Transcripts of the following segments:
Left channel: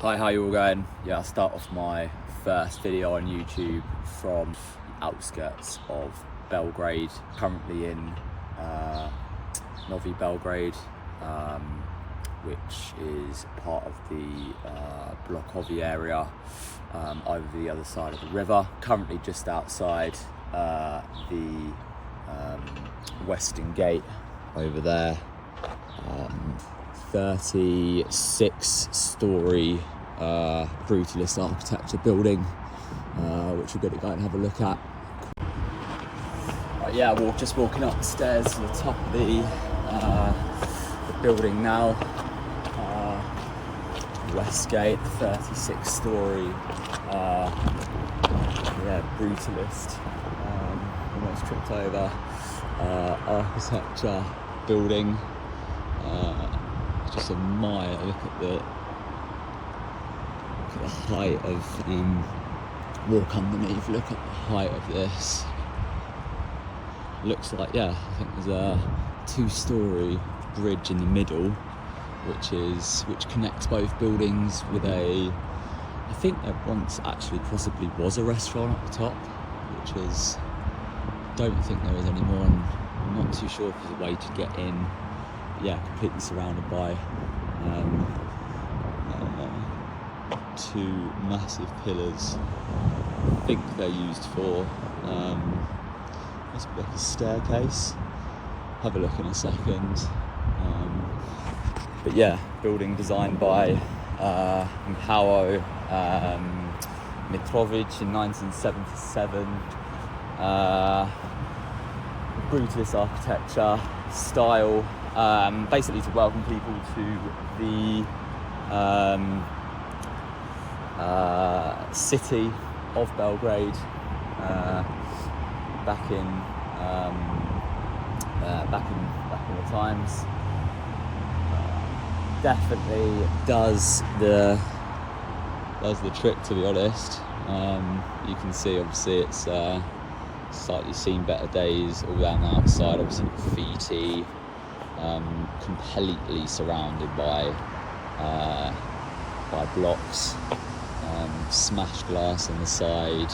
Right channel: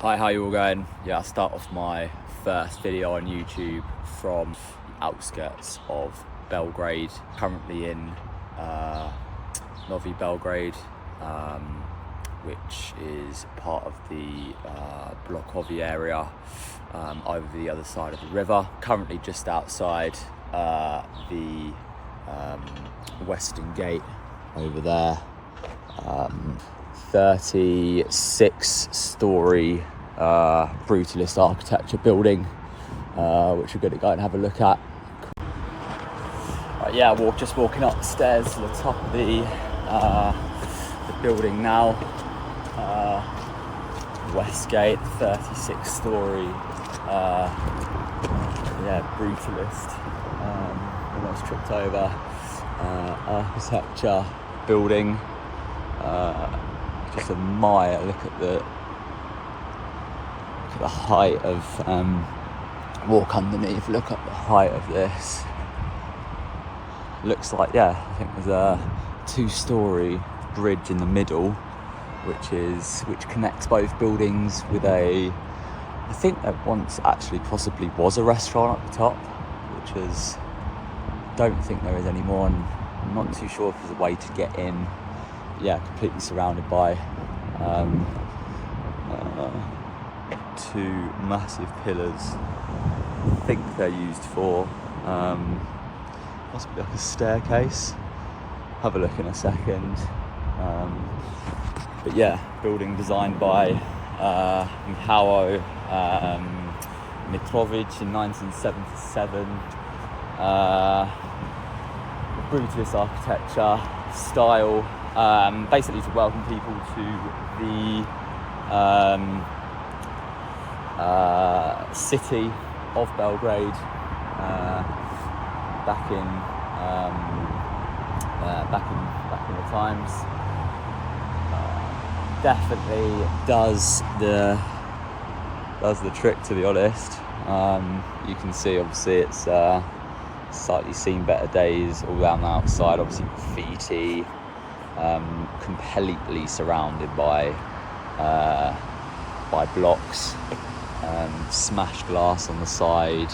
Hi, how you all going? Yeah, I'll start off my first video on YouTube from the outskirts of Belgrade. Currently in Novi Belgrade, which is part of the Blokovi area over the other side of the river. Currently just outside the western gate over there. 36-story Brutalist architecture building, which we're going to go and have a look at. Right, yeah, just walking up the stairs to the top of the building now. West Gate, 36-story, Brutalist. Almost tripped over. Architecture building. Just admire, look at the height of, walk underneath, look at the height of this. Looks like, I think there's a 2-story bridge in the middle, which connects both buildings with I think there once actually possibly was a restaurant at the top, which is, don't think there is anymore, and I'm not too sure if there's a way to get in. Completely surrounded by 2 massive pillars. I think they're used for must be like a staircase. Have a look in a second. But building designed by Michał Mitrovic in 1977. Brutalist architecture style. Basically to welcome people to the city of Belgrade back in the times. Definitely does the trick, to be honest. You can see obviously it's slightly seen better days all down the outside, obviously graffiti. Completely surrounded by blocks, smashed glass on the side,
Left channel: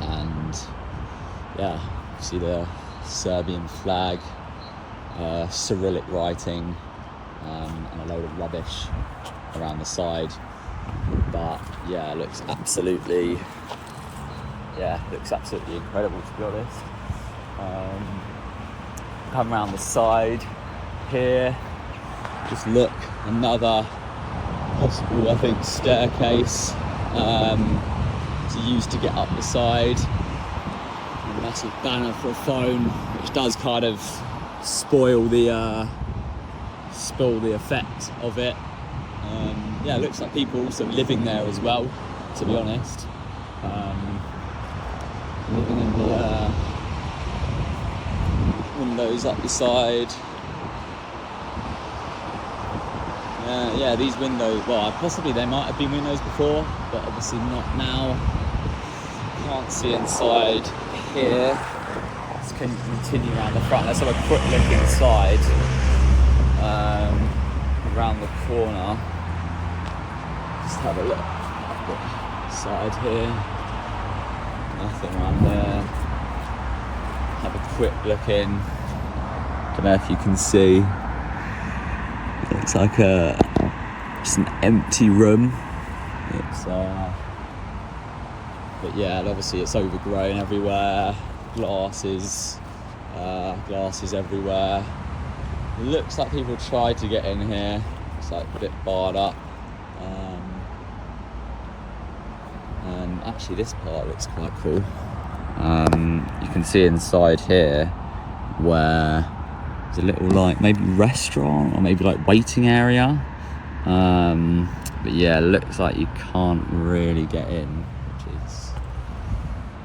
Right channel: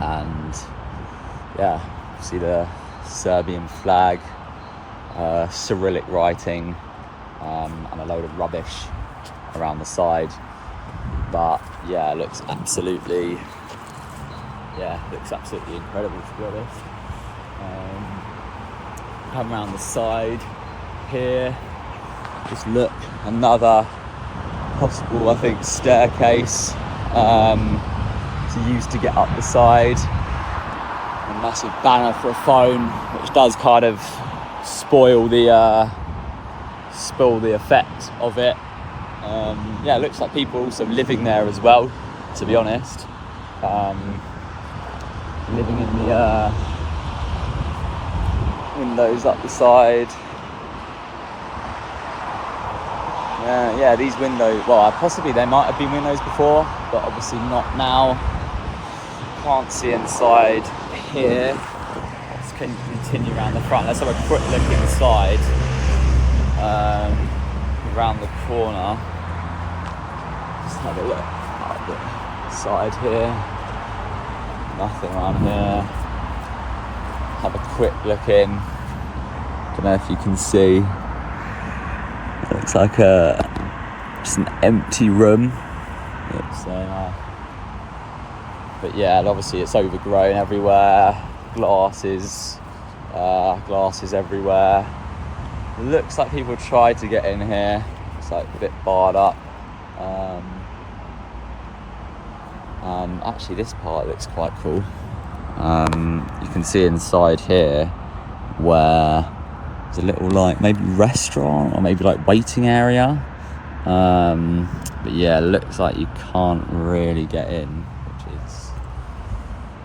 and see the Serbian flag, Cyrillic writing, and a load of rubbish around the side. But it looks absolutely incredible, to be honest. Come around the side here, just look, another possible, I think, staircase to use to get up the side. A massive banner for a phone, which does kind of spoil the effect of it. It looks like people are also living there as well, to be honest. Living in the windows up the side. These windows, possibly they might have been windows before, but obviously not now. Can't see inside here. Just can continue around the front. Let's have a quick look inside. Around the corner. Just have a look at the side here. Nothing around here. Have a quick look in. Don't know if you can see. It looks like just an empty room. It's but obviously it's overgrown everywhere. Glasses everywhere. It looks like people tried to get in here. It's like a bit barred up. And actually this part looks quite cool. You can see inside here where there's a little maybe restaurant or maybe waiting area. But it looks like you can't really get in, which is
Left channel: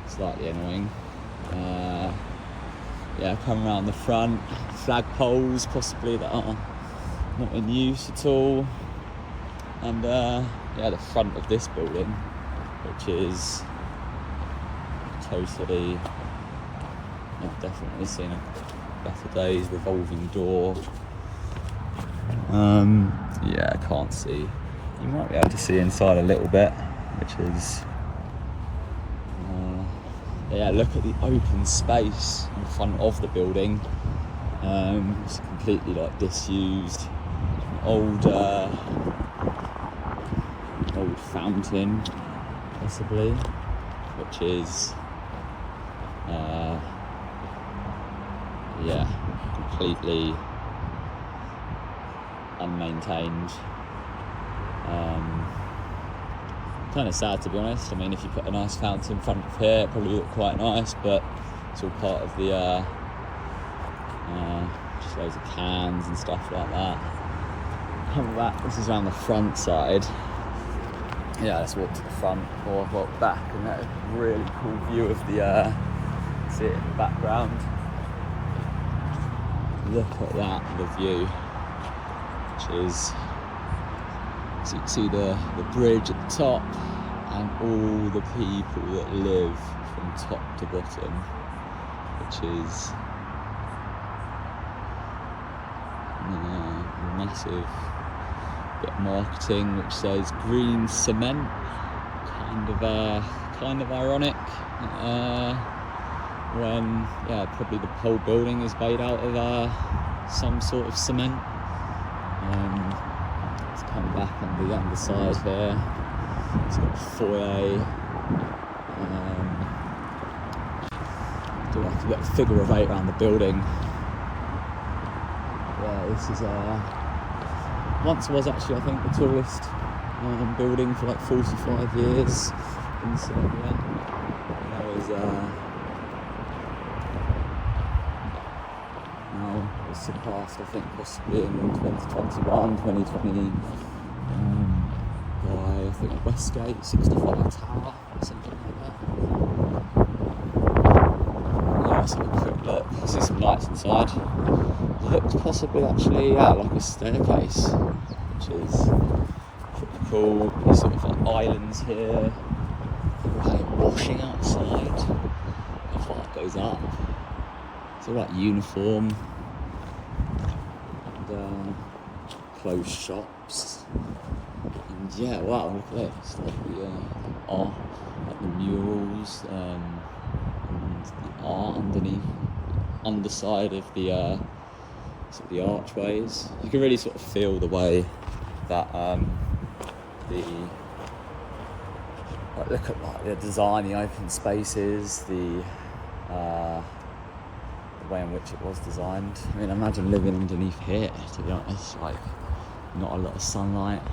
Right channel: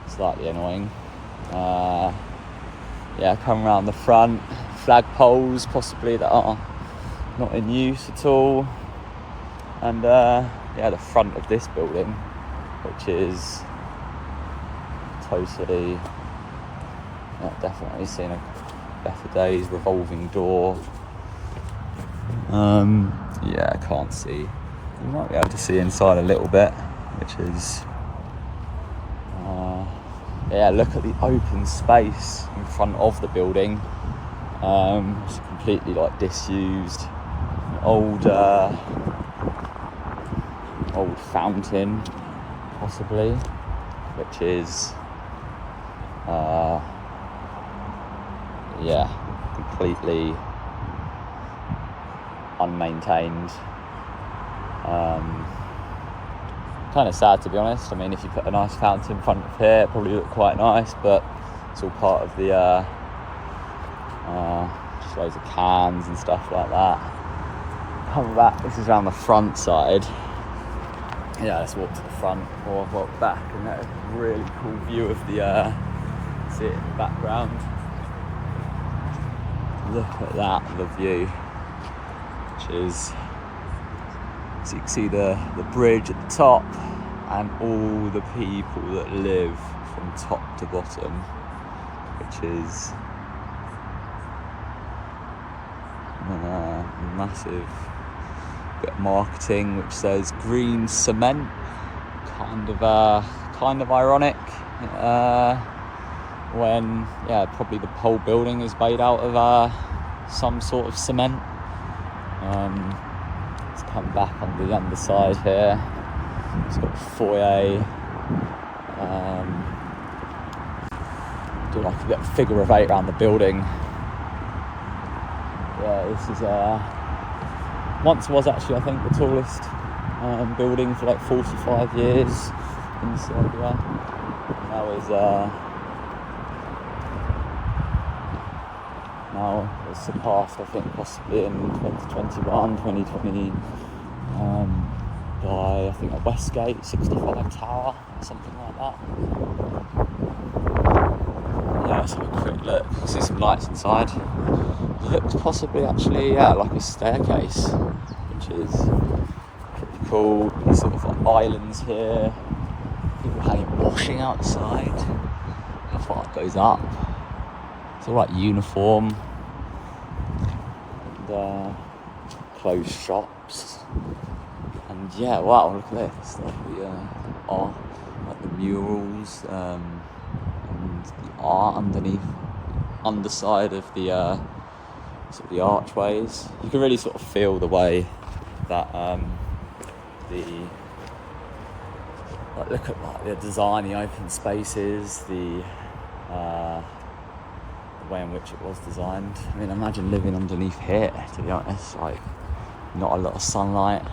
slightly annoying. Come around the front, flagpoles possibly that are not in use at all. And the front of this building, which is totally, definitely seen better days. Revolving door, Yeah, I can't see. You might be able to see inside a little bit, which is yeah, look at the open space in front of the building. It's completely like disused. An old fountain, possibly, which is yeah, completely unmaintained. Kind of sad, to be honest. I mean, if you put a nice fountain in front of here, it probably look quite nice, but it's all part of the just loads of cans and stuff like that. Come back, this is around the front side. Yeah, let's walk to the front or walk back and get a really cool view of the see it in the background. Look at that, the view, which is, so you can see the bridge at the top and all the people that live from top to bottom, which is a massive bit of marketing which says green cement, kind of ironic, when probably the whole building is made out of some sort of cement. Let's come back on the underside here. It's got a foyer. Do like a little figure of 8 around the building. Yeah, this is once was actually, I think, the tallest building for like 45 years in Serbia. Now it was surpassed, I think, possibly in 2021, 2020, by, I think, a Westgate 65 tower or something like that. Yeah, let's have a quick look. See some lights inside. Looks possibly actually, like a staircase, which is pretty cool. There's sort of like islands here. People hanging washing outside. How far it goes up. It's all like uniform. And closed shops. And yeah, wow, look at this. Like the art, like the murals, and the art underneath, the underside of the sort of the archways. You can really sort of feel the way that look at like the design, the open spaces, the way in which it was designed. I mean, imagine living underneath here, to be honest. Like, not a lot of sunlight,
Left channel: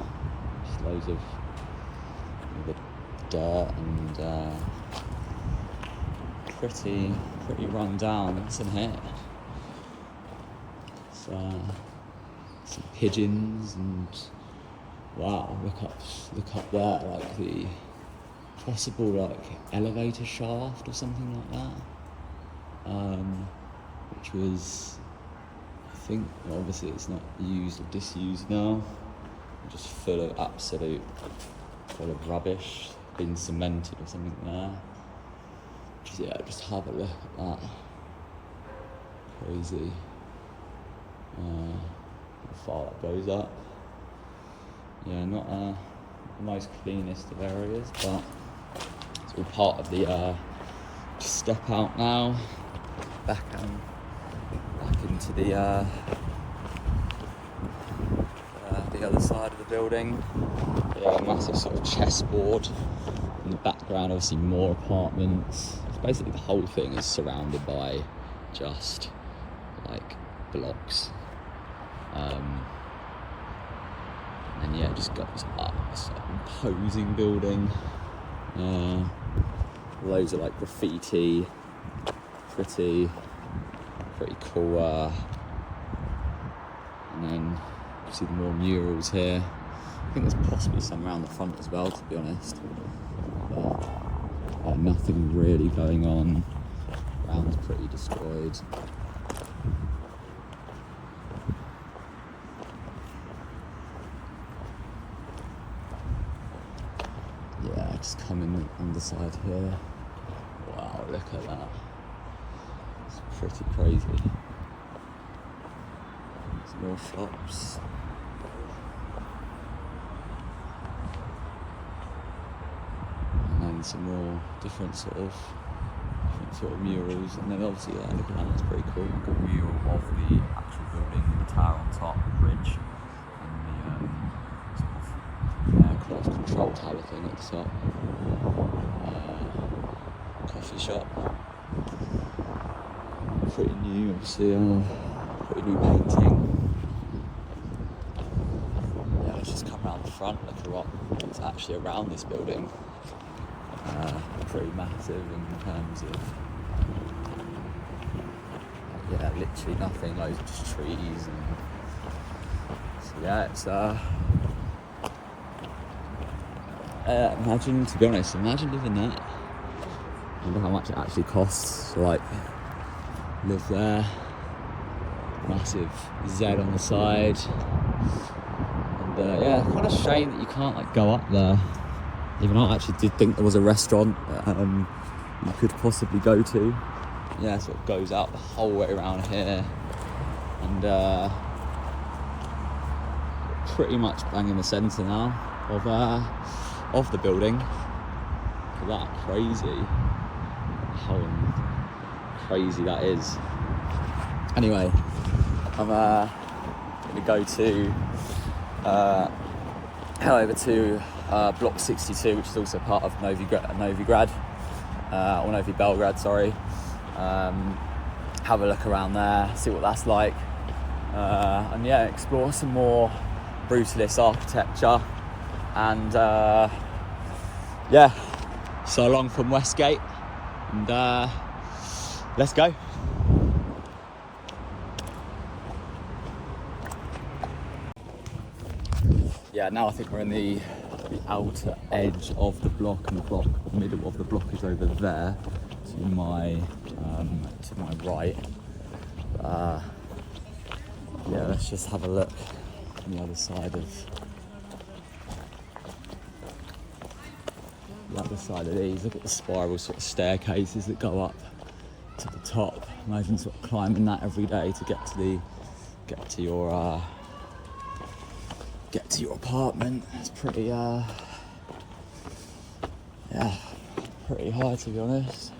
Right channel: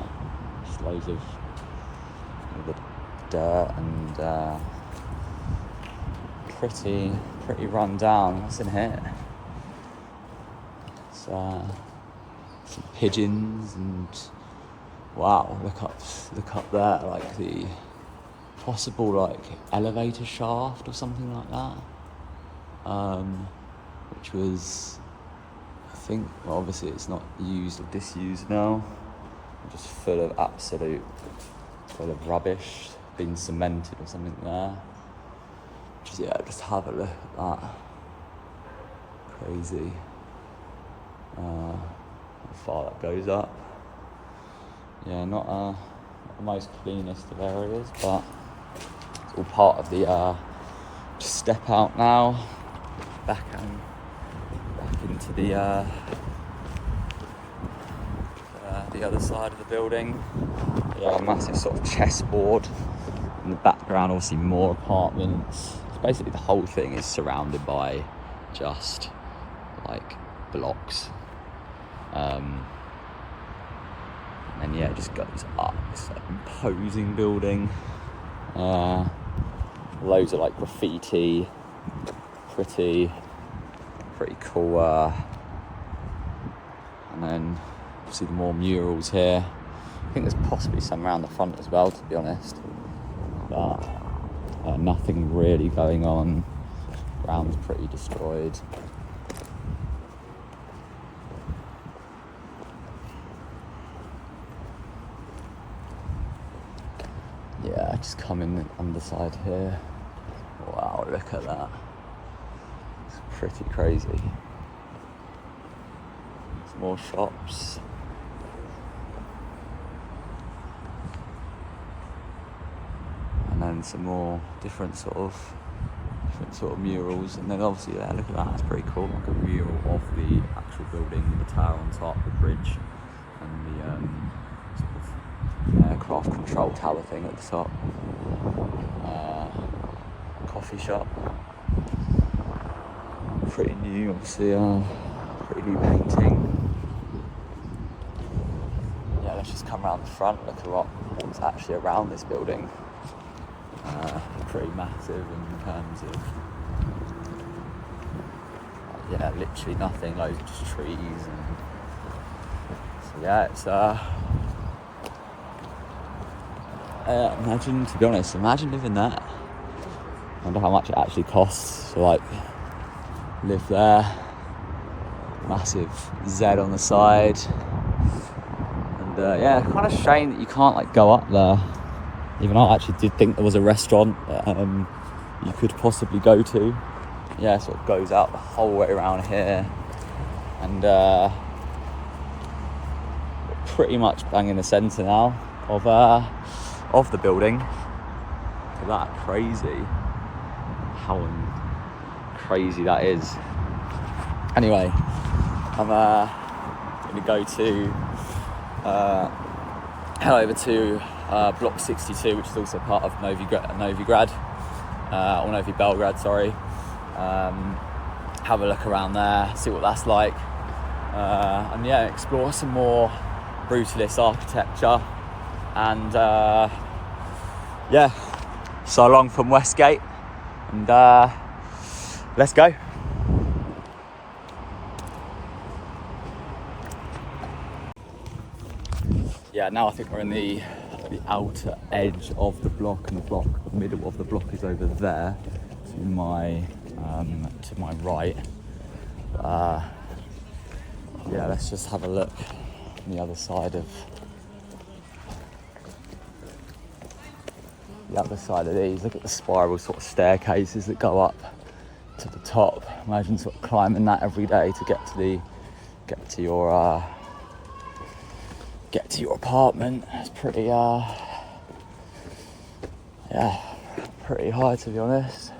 just loads of the dirt and pretty run down. What's in here? Some pigeons and wow, look up there, like the possible like elevator shaft or something like that, which was, I think, well, obviously it's not used or disused now, just full of rubbish, being cemented or something there. Just have a look at that. Crazy. How far that goes up. Yeah, not the most cleanest of areas, but it's all part of the just step out now, back into the other side of the building. Yeah, a massive sort of chessboard in the background, obviously more apartments. It's basically the whole thing is surrounded by just like blocks. And then it just goes up. It's like an imposing building. Loads of like graffiti, pretty cool. And then obviously more murals here. I think there's possibly some around the front as well, to be honest. But nothing really going on. Ground's pretty destroyed. Yeah, just coming the underside here. Wow, look at that. It's pretty crazy. Some more shops. and some more different sort of murals. And then obviously, yeah, look at that, that's pretty cool. Like a mural of the actual building, the tower on top, the bridge, and the craft control tower thing at the top. Coffee shop. Pretty new, obviously, pretty new painting. Yeah, let's just come around the front, look at what's actually around this building. Pretty massive in terms of, yeah, literally nothing, loads of just trees. And so yeah, it's imagine, to be honest, imagine living that. I wonder how much it actually costs to like live there. Massive Z on the side. And yeah, kind of shame that you can't like go up there. Even I actually did think there was a restaurant that you could possibly go to. Yeah, so it goes out the whole way around here. And pretty much bang in the centre now of the building. Look at that, crazy. How crazy that is. Anyway, I'm gonna go to head over to Block 62, which is also part of Novi Belgrade, sorry. Have a look around there, see what that's like, and yeah, explore some more Brutalist architecture. And yeah, so long from Westgate, and let's go. Yeah, now I think we're in the outer edge of the block, and the middle of the block is over there to my right. Yeah, let's just have a look on the other side of these. Look at the spiral sort of staircases that go up to the top. Imagine sort of climbing that every day to get to your apartment. It's pretty pretty high, to be honest.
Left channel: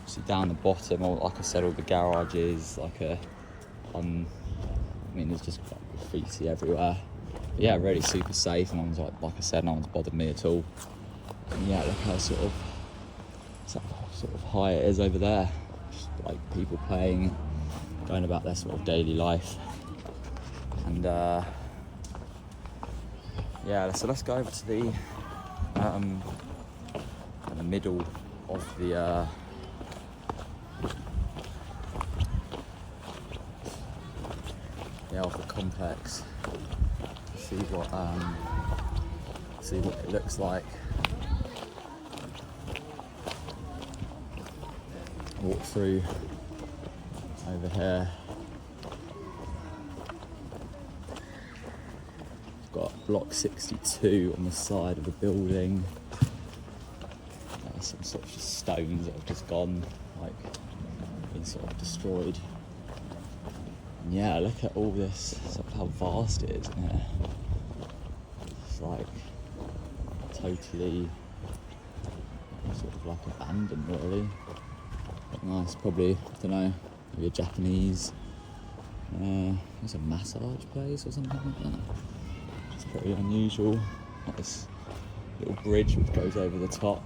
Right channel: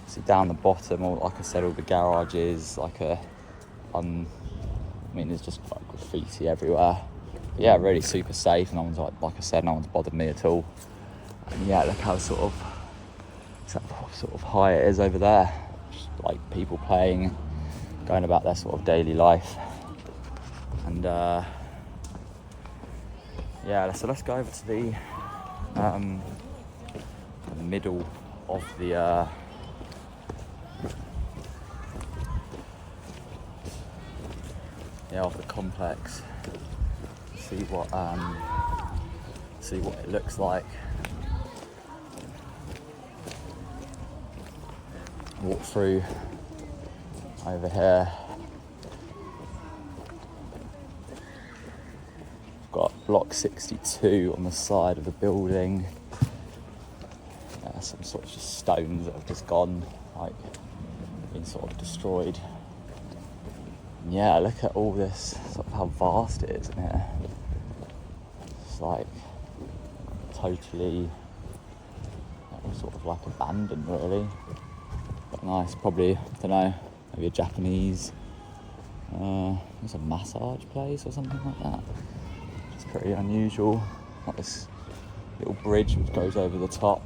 Obviously down the bottom, like I said, all the garages, there's just like graffiti everywhere. But yeah, really super safe. No one's like I said, no one's bothered me at all. And yeah, look how sort of high it is over there. Just like people playing, going about their sort of daily life. And yeah, so let's go over to the middle of the of the complex. See what it looks like. Walk through over here. Got block 62 on the side of the building. Some sort of just stones that have just gone, like, been sort of destroyed. And yeah, look at all this, sort of how vast it is in here. It's like totally sort of like abandoned, really. But nice, probably, I don't know, maybe a Japanese, it's a massage place or something like that. It's pretty unusual. Got this little bridge which goes over the top.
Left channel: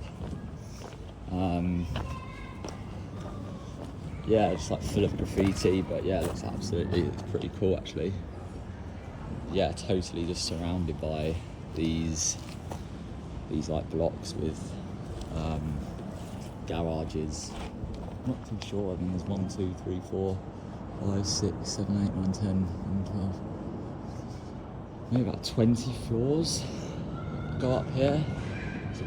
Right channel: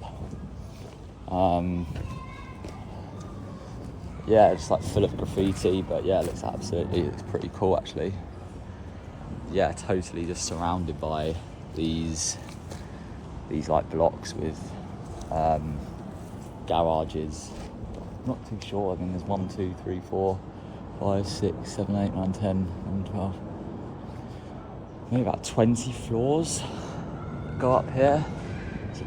Yeah, just like full of graffiti, but yeah, it looks it's pretty cool actually. Yeah, totally just surrounded by these like blocks with garages. Not too sure, I think there's 1, 2, 3, 4, 5, 6, 7, 8, 9, 10, 11, 12. Maybe about 20 floors go up here. It's a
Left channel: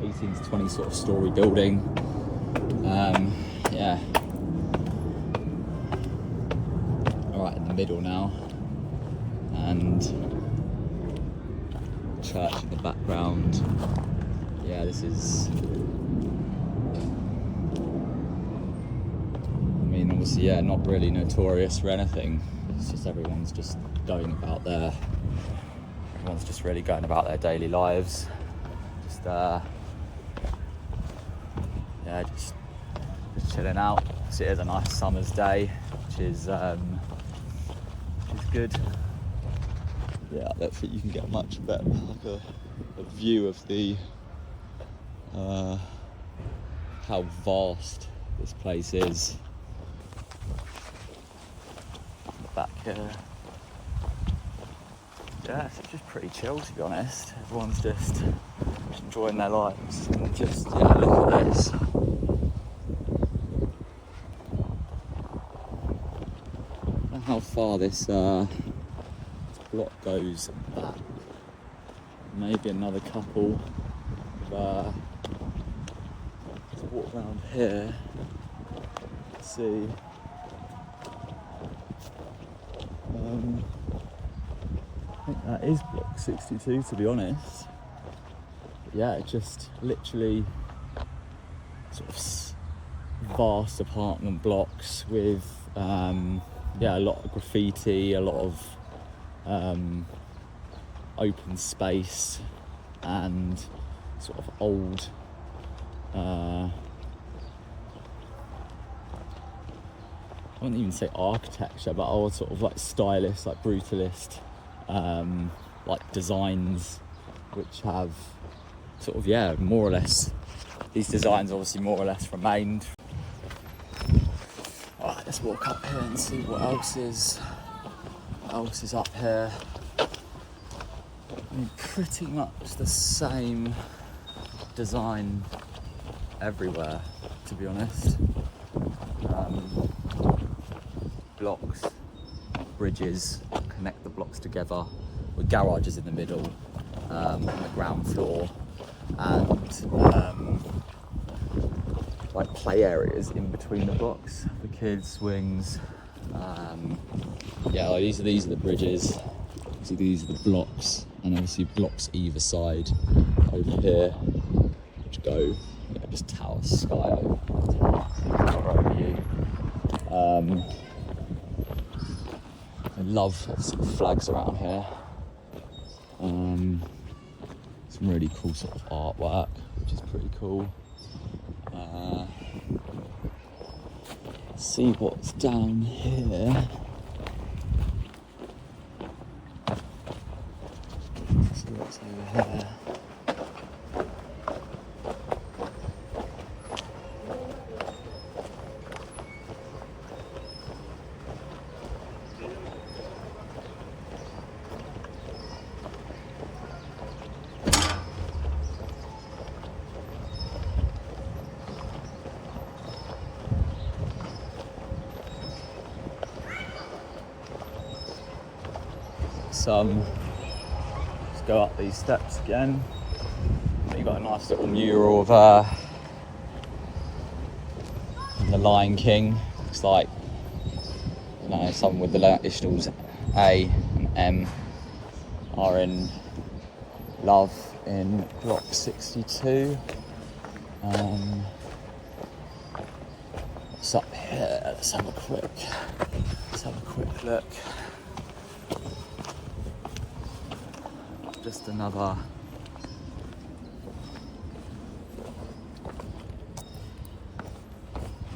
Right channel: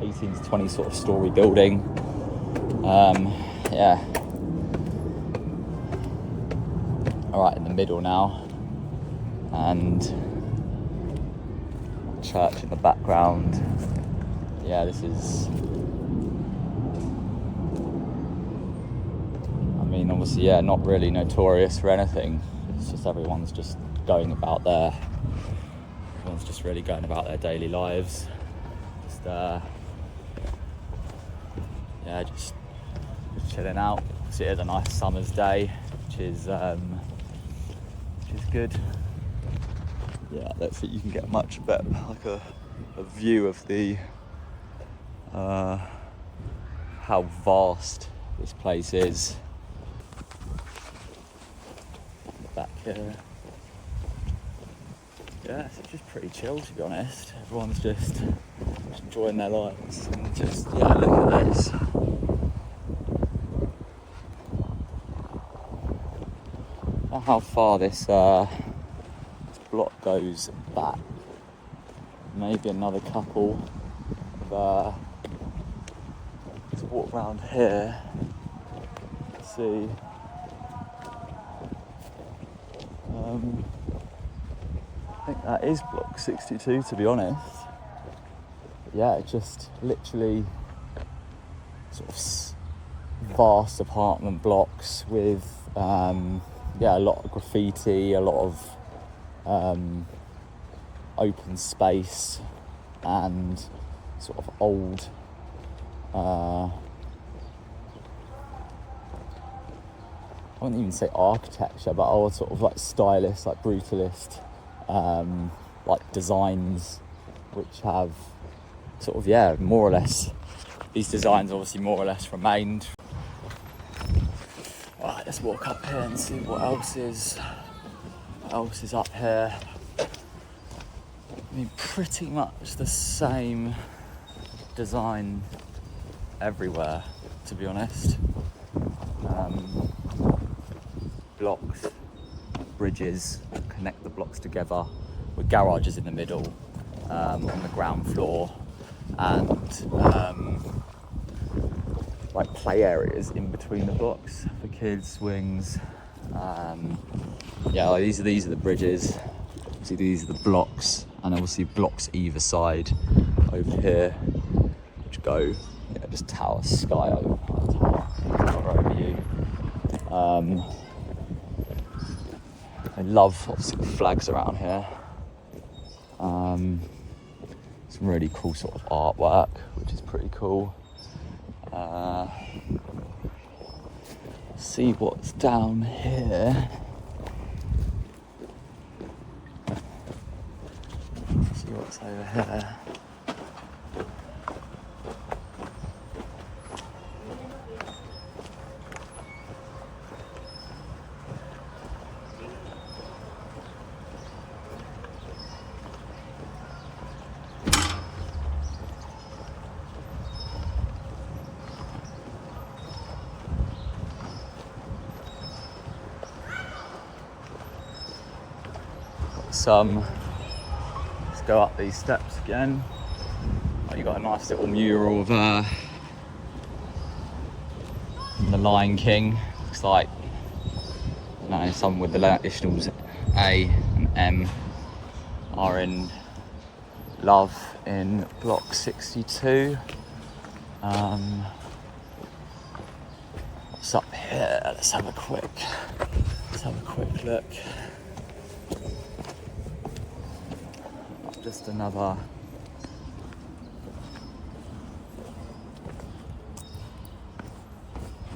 18 to 20 sort of story building. Yeah. All right, in the middle now, and church in the background. Yeah, this is. I mean, obviously, yeah, not really notorious for anything. It's just everyone's just really going about their daily lives. Just yeah, just chilling out. So it is a nice summer's day, which is good. Yeah, I don't think you can get much better, like a view of the how vast this place is. Back here. Yeah, so it's just pretty chill, to be honest. Everyone's just enjoying their lives. Just, yeah, look at this. I don't know how far this block goes back. Maybe another couple of, let's walk around here, see. I think that is block 62, to be honest. But yeah, it just literally sort of vast apartment blocks with yeah, a lot of graffiti, a lot of open space, and sort of old I wouldn't even say architecture, but old sort of like stylish, like brutalist like designs, which have sort of, yeah, more or less, these designs obviously more or less remained. Alright, let's walk up here and see what else is up here. I mean, pretty much the same design everywhere, to be honest. Blocks, bridges, connect the blocks together with garages in the middle, on the ground floor, and like play areas in between the blocks for kids, swings. Yeah, like these are the bridges. See, these are the blocks, and obviously blocks either side over here, which go, yeah, just tower sky over you. I love flags around here. Some really cool sort of artwork, which is pretty cool. See what's down here. See what's over here. Let's go up these steps again. Oh, you've got a nice little mural of the Lion King. Looks like, I don't know, someone with the initials A and M are in love in block 62. What's up here? Let's have a quick look. Just another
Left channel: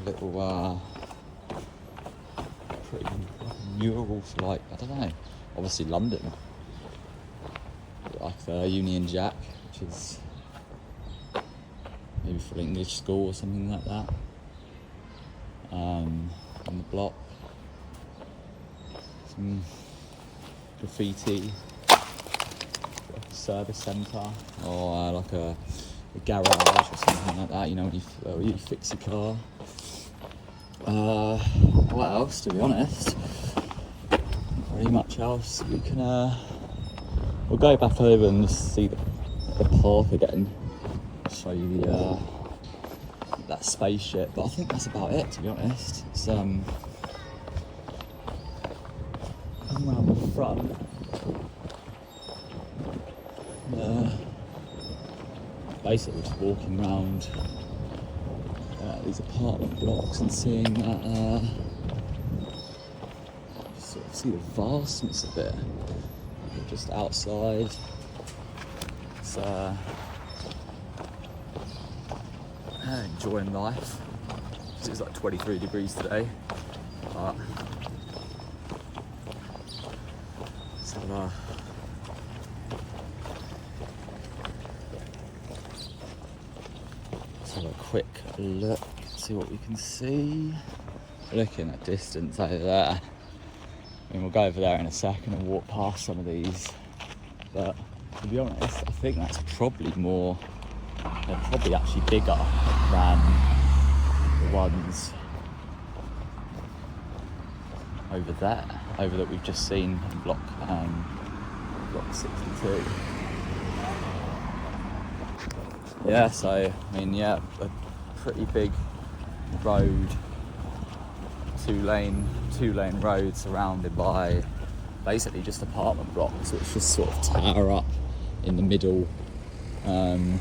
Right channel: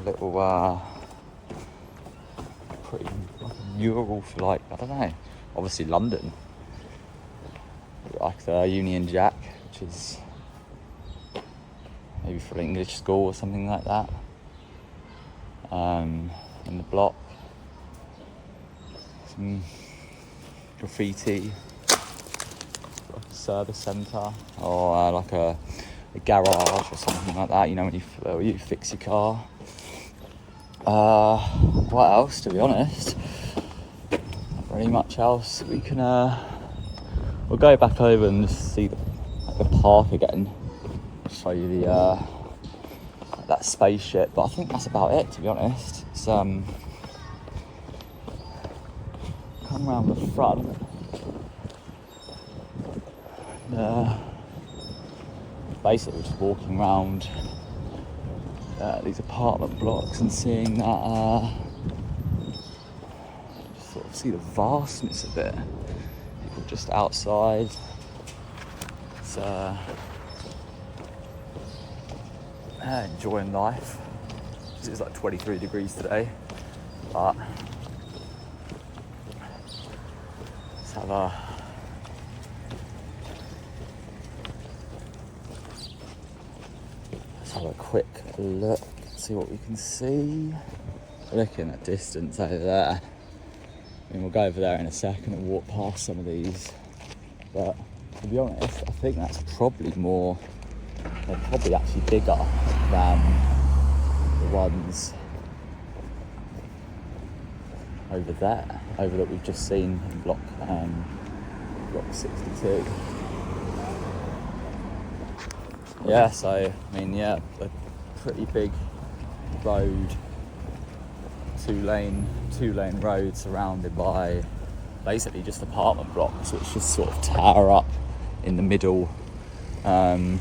little pretty mural for, like, I don't know, obviously London, like the Union Jack, which is maybe for an English school or something like that, on the block. Some graffiti, service centre, or like a garage or something like that, you know, when you fix your car. What else, to be honest? Not very much else. We can we'll go back over and just see the park again, show you the that spaceship, but I think that's about it, to be honest. It's come round the front. Basically just walking around these apartment blocks and seeing that, sort of see the vastness of it. Just outside, it's enjoying life. It's like 23 degrees today, but let's have a quick look, see what we can see. Looking at distance over there. I mean, we'll go over there in a second and walk past some of these, but to be honest, I think that's probably more, they're probably actually bigger than the ones over there, over that we've just seen in block 62. Yeah, so I mean, yeah, a pretty big road, two lane road surrounded by basically just apartment blocks, which just sort of tower up in the middle. And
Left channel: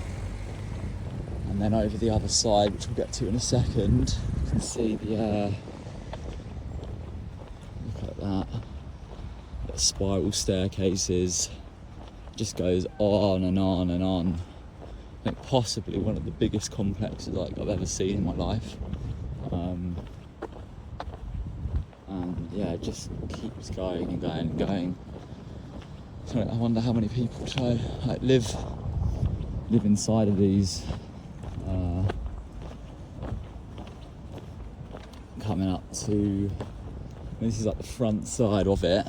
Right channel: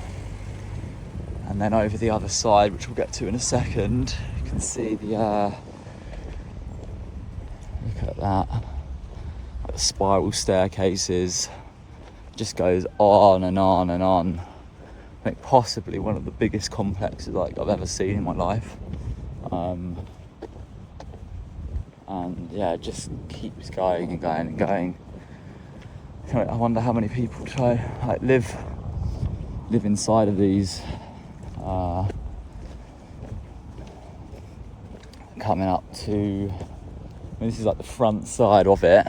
then over the other side, which we'll get to in a second, you can see the look at that, the spiral staircases, just goes on and on and on. I think possibly one of the biggest complexes like I've ever seen in my life. And yeah, it just keeps going and going and going. So I wonder how many people try like live inside of these. Coming up to, I mean, this is like the front side of it,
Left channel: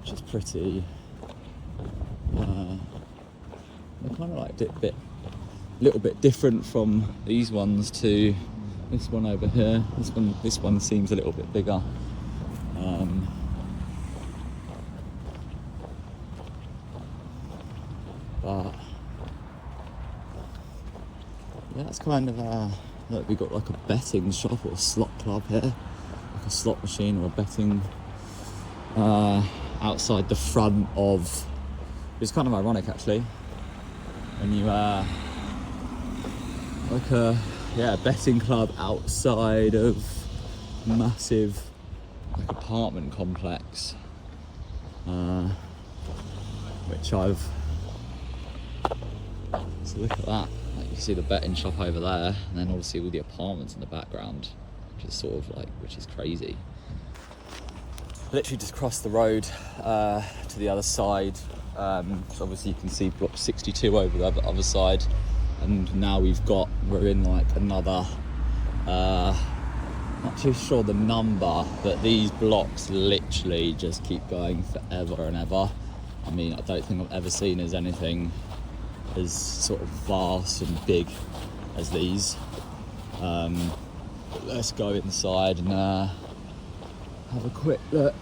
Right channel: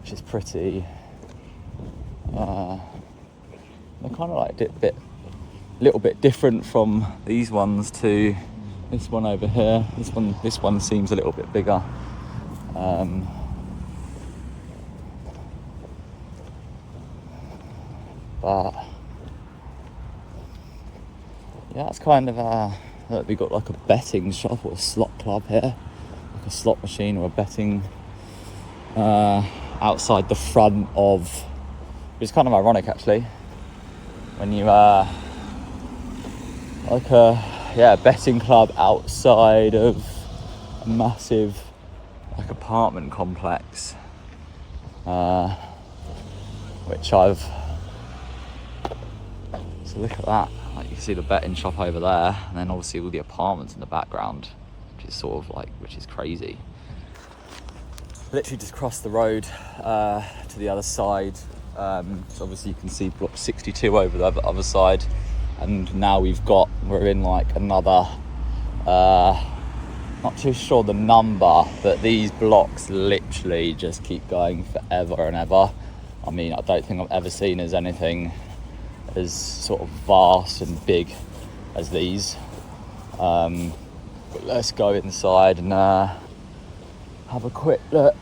which is pretty. They're kind of like a little bit different from these ones to this one over here. This one seems a little bit bigger. But yeah, it's kind of look, we got like a betting shop or a slot club here, like a slot machine or a betting outside the front of. It's kind of ironic actually. When you like a betting club outside of a massive like apartment complex, which I've. So look at that. Like you see the betting shop over there, and then obviously all the apartments in the background, which is sort of like, which is crazy. Literally just crossed the road to the other side. So obviously you can see block 62 over the other side, and now we're in like another, not too sure the number, but these blocks literally just keep going forever and ever. I mean, I don't think I've ever seen as anything as sort of vast and big as these. But let's go inside and have a quick look.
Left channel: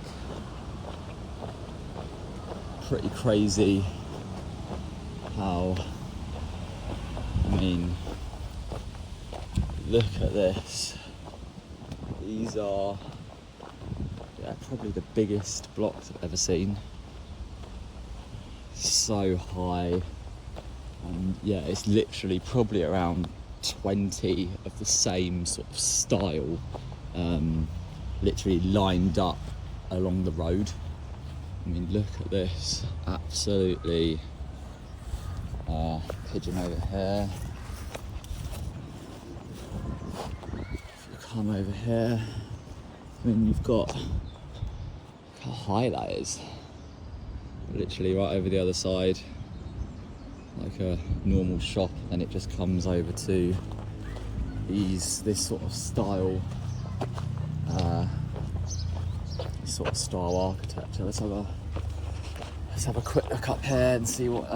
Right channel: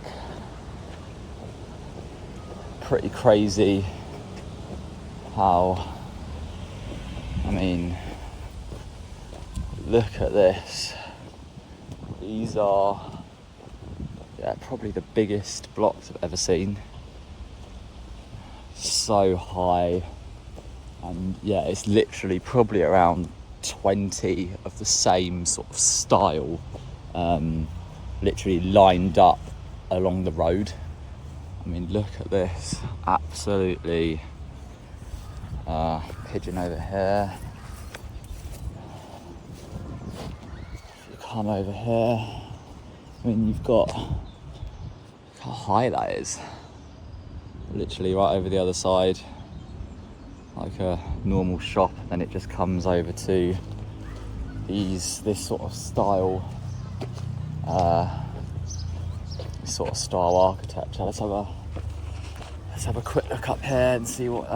Pretty crazy how, I mean, look at this. These are, yeah, probably the biggest blocks I've ever seen. So high, and yeah, it's literally probably around 20 of the same sort of style, literally lined up along the road. I mean, look at this, absolutely. Pigeon over here. If you come over here, I mean, you've got, look how high that is. Literally right over the other side, like a normal shop, and it just comes over to this sort of style, this sort of style architecture. Let's have a quick look up here and see what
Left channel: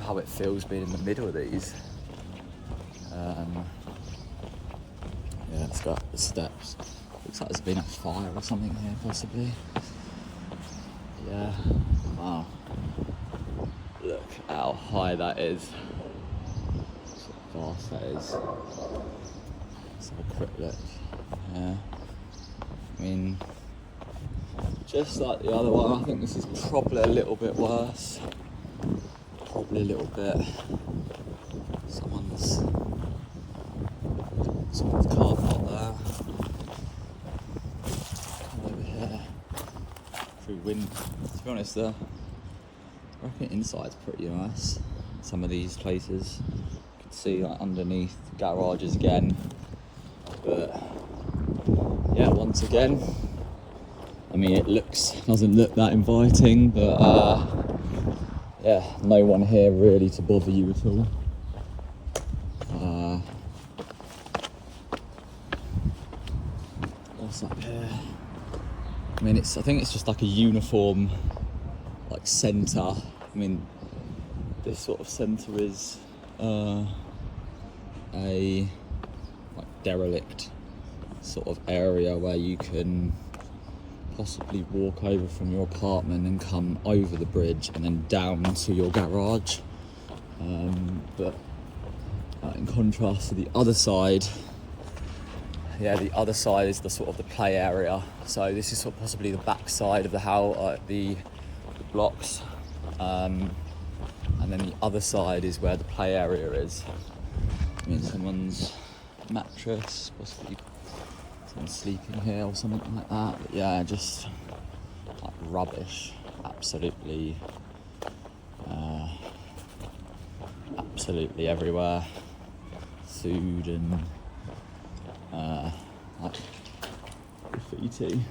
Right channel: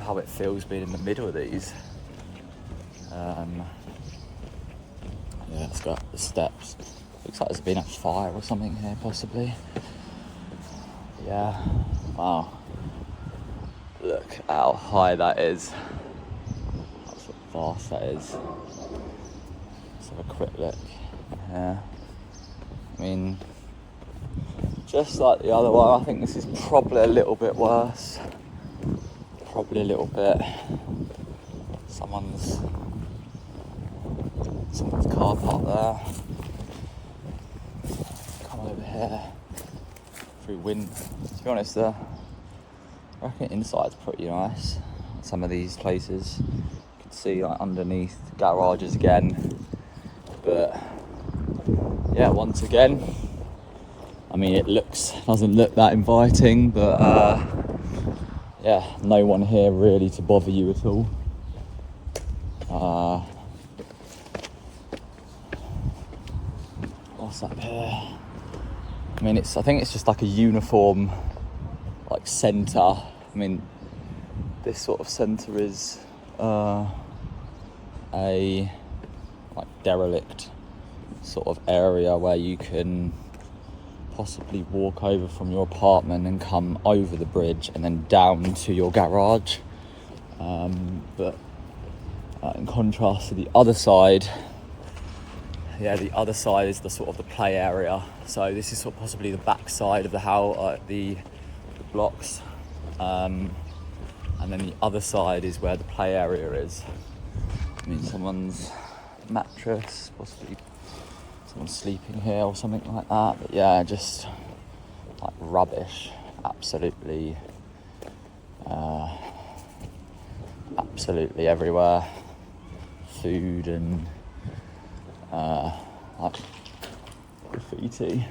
how it feels being in the middle of these. Yeah, let's go up the steps. Looks like there's been a fire or something here, possibly. Yeah. Wow. Look how high that is. That's how vast that is. Let's have a quick look. Yeah. I mean, just like the other one, I think this is probably a little bit worse. Probably a little bit. Someone's car park there. Come over here. Through wind. To be honest, I reckon inside's pretty nice. some of these places. You can see like underneath garages again, but yeah, once again, I mean, it doesn't look that inviting, but yeah, no one here really to bother you at all. What's up here? I mean, I think it's just like a uniform, like centre. I mean, this sort of centre is a like derelict sort of area where you can possibly walk over from your apartment and come over the bridge and then down to your garage. But in contrast to the other side, the other side is the sort of the play area. So this is sort of possibly the back side of the house, the blocks, and then the other side is where the play area is. I mean, someone's mattress, possibly someone sleeping here or something like that. But yeah, just like rubbish, absolutely everywhere. Food and like graffiti.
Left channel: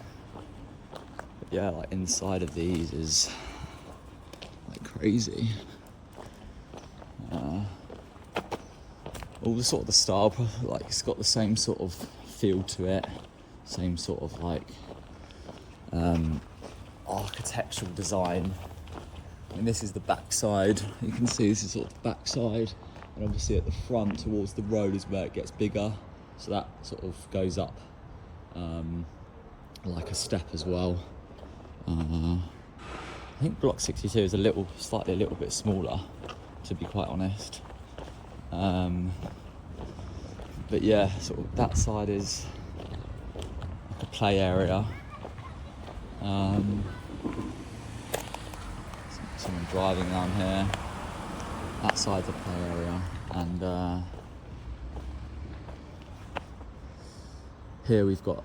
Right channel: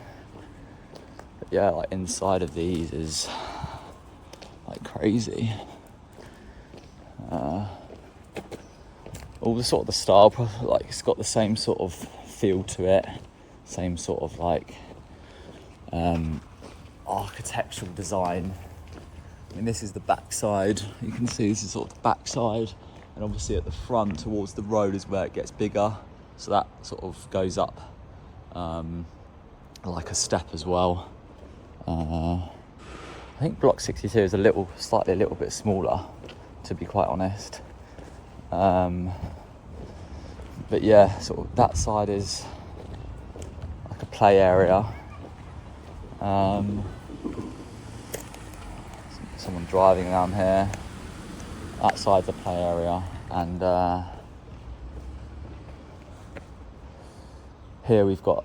But yeah, like inside of these is like crazy. All the sort of the style, like it's got the same sort of feel to it, same sort of like architectural design. I mean, this is the back side. You can see this is sort of the back side, and obviously at the front towards the road is where it gets bigger, so that sort of goes up like a step as well. I think block 62 is slightly a little bit smaller, to be quite honest. But yeah, sort of that side is like a play area. Someone driving around here. That side's a play area, and here we've got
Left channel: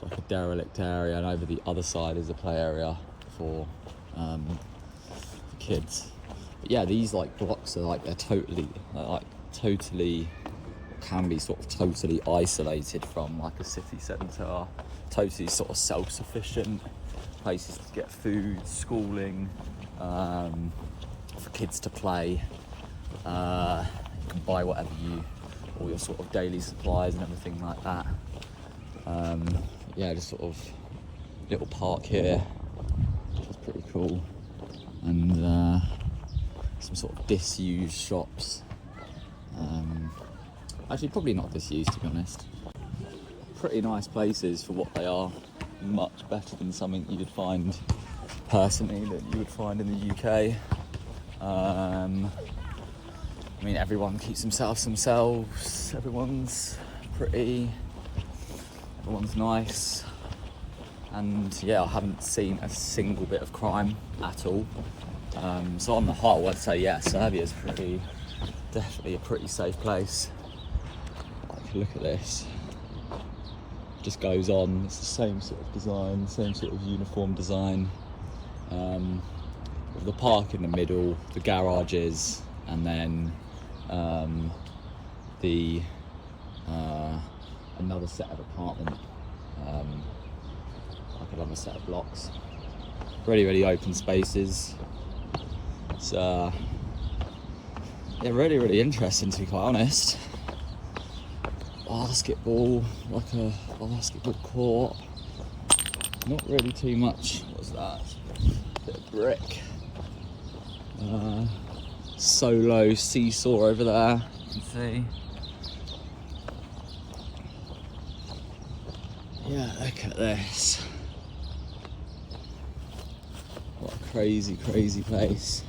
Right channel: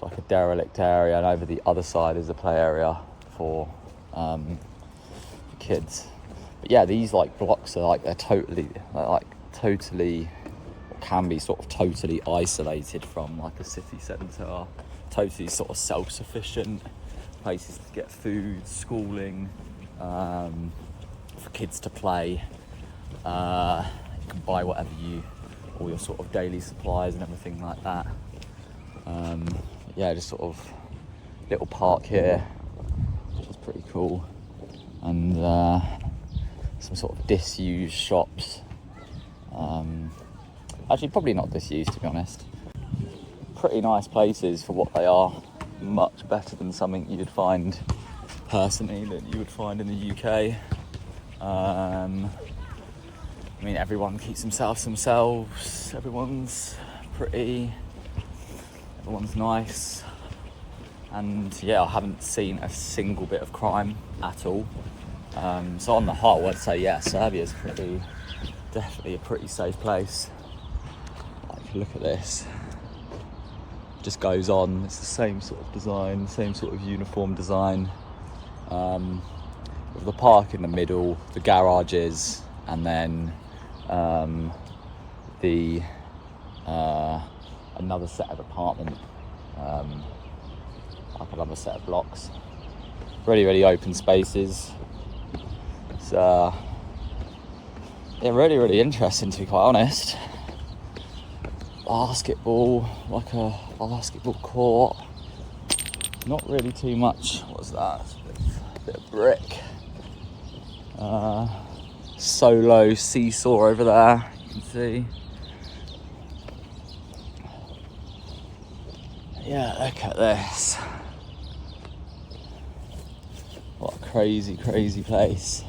like a derelict area, and over the other side is the play area for kids. But yeah, these like blocks are like totally can be sort of totally isolated from like a city centre, totally sort of self-sufficient places to get food, schooling, for kids to play. You can buy whatever all your sort of daily supplies and everything like that. Yeah, just sort of little park here, which is pretty cool, and some sort of disused shops. Actually, probably not disused, to be honest. Pretty nice places for what they are. Much better than something you would find personally that you would find in the UK. I mean, everyone keeps themselves. Everyone's pretty. Everyone's nice. And yeah, I haven't seen a single bit of crime at all. So on the whole, I'd say yeah, Serbia's definitely a pretty safe place. Like, look at this. It just goes on. It's the same sort of design, same sort of uniform design. With the park in the middle, the garages, and then another set of apartment, like another set of blocks. Really open spaces. It's yeah, really interesting, to be quite honest. Basketball, like a basketball court. Not really too much. What's that? A bit of brick. Solo seesaw over there, you can see. Yeah, look at this. What a crazy place.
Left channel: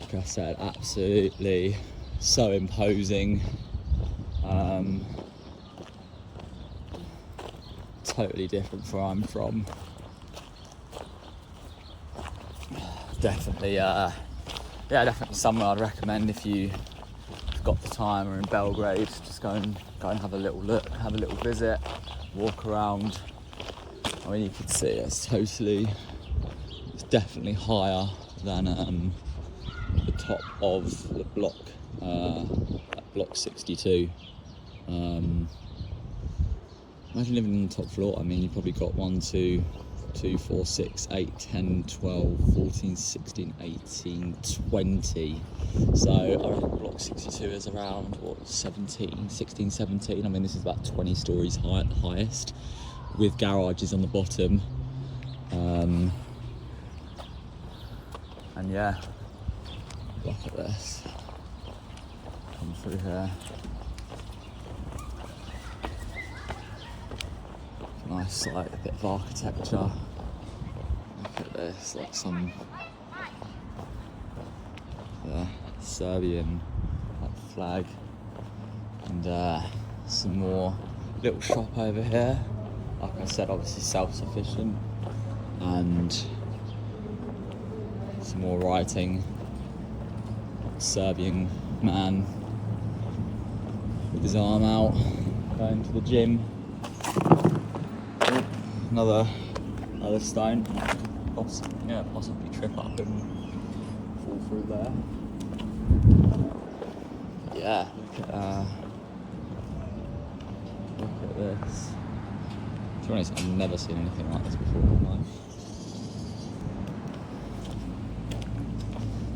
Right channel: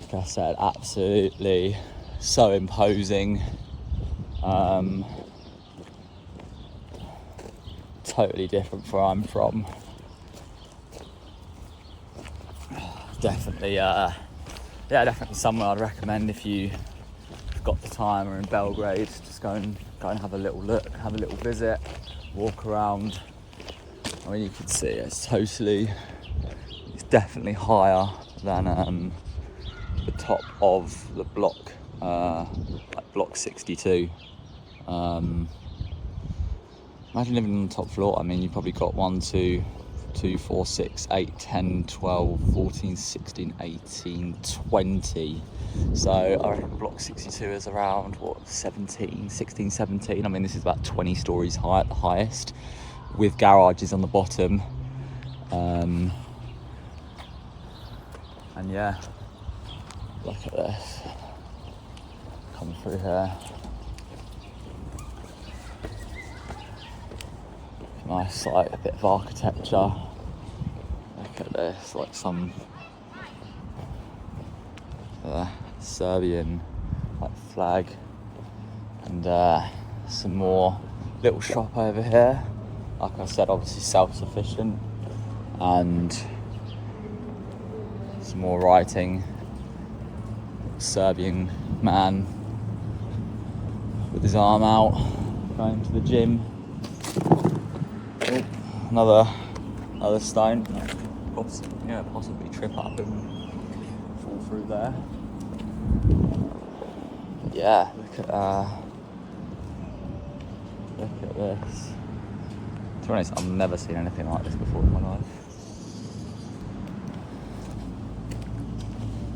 Like I said, absolutely so imposing. Totally different from where I'm from. Definitely, definitely somewhere I'd recommend if you've got the time or in Belgrade. Just go and have a little look, have a little visit, walk around. I mean, you can see it's definitely higher than top of the block, like block 62. Imagine living on the top floor. I mean, you probably got 1, 2, 4, 6, 8, 10, 12, 14, 16, 18, 20. So I reckon block 62 is around, what, 16, 17. I mean, this is about 20 stories high at the highest, with garages on the bottom. And yeah, look at this. Come through here. Nice, like a bit of architecture. Look at this, like some Serbian like flag, and some more little shop over here. Like I said, obviously self-sufficient, and some more writing. Serbian man with his arm out, going to the gym. Oh, another stone. Possibly trip up and fall through there. Yeah, look at this. To be honest, I've never seen anything like this before in my life.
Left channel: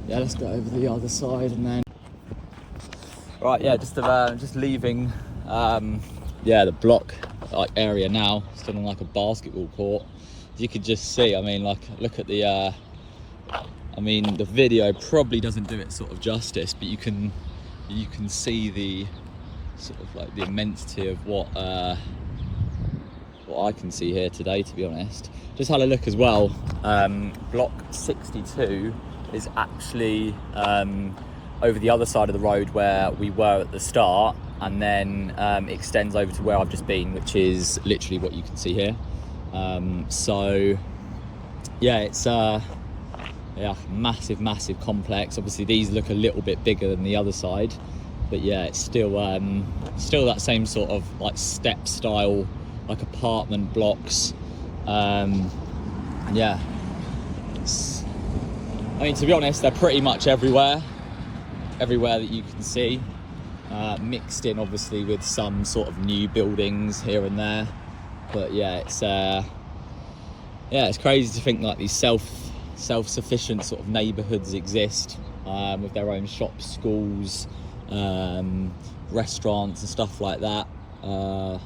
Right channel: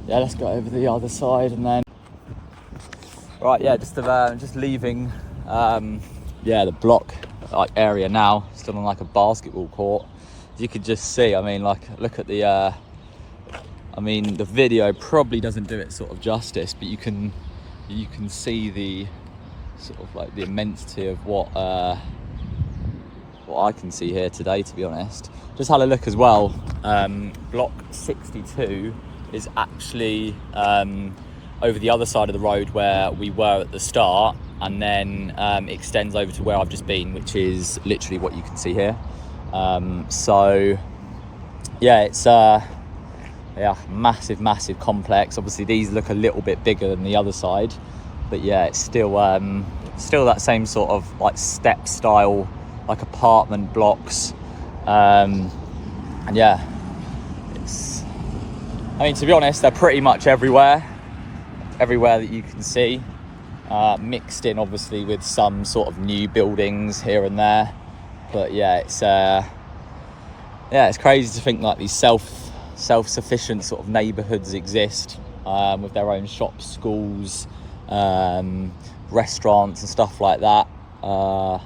Yeah, let's go over the other side and then. Right, yeah, just leaving. The block like area now. Still on like a basketball court. As you could just see, I mean, like, look at the. The video probably doesn't do it sort of justice, but you can see the sort of like the immensity of what I can see here today, to be honest. Just had a look as well. Block 62 is actually over the other side of the road where we were at the start, and then extends over to where I've just been, which is literally what you can see here. So yeah, it's massive complex. Obviously these look a little bit bigger than the other side, but yeah, it's still that same sort of like step style, like apartment blocks. And yeah, to be honest, they're pretty much everywhere that you can see, mixed in obviously with some sort of new buildings here and there. But yeah, it's crazy to think like these self-sufficient sort of neighbourhoods exist, with their own shops, schools, restaurants and stuff like that. So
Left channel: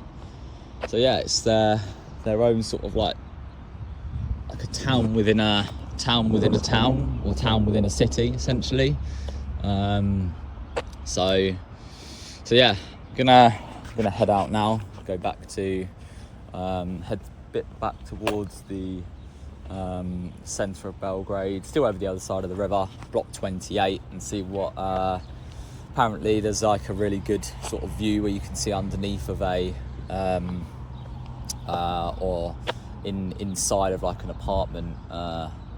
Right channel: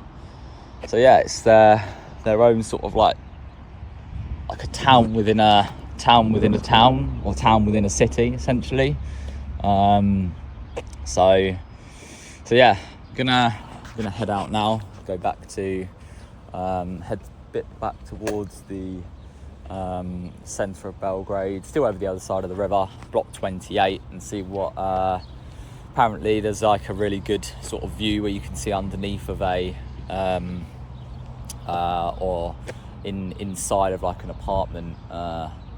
yeah, it's their own sort of like a town within a town, or town within a city, essentially. So yeah, gonna head out now, go back to head a bit back towards the centre of Belgrade, still over the other side of the river, block 28, and see what apparently there's like a really good sort of view where you can see underneath of a or inside of like an apartment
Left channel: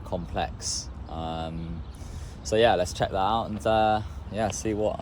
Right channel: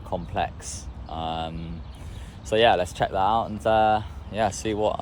complex. So yeah, let's check that out and see what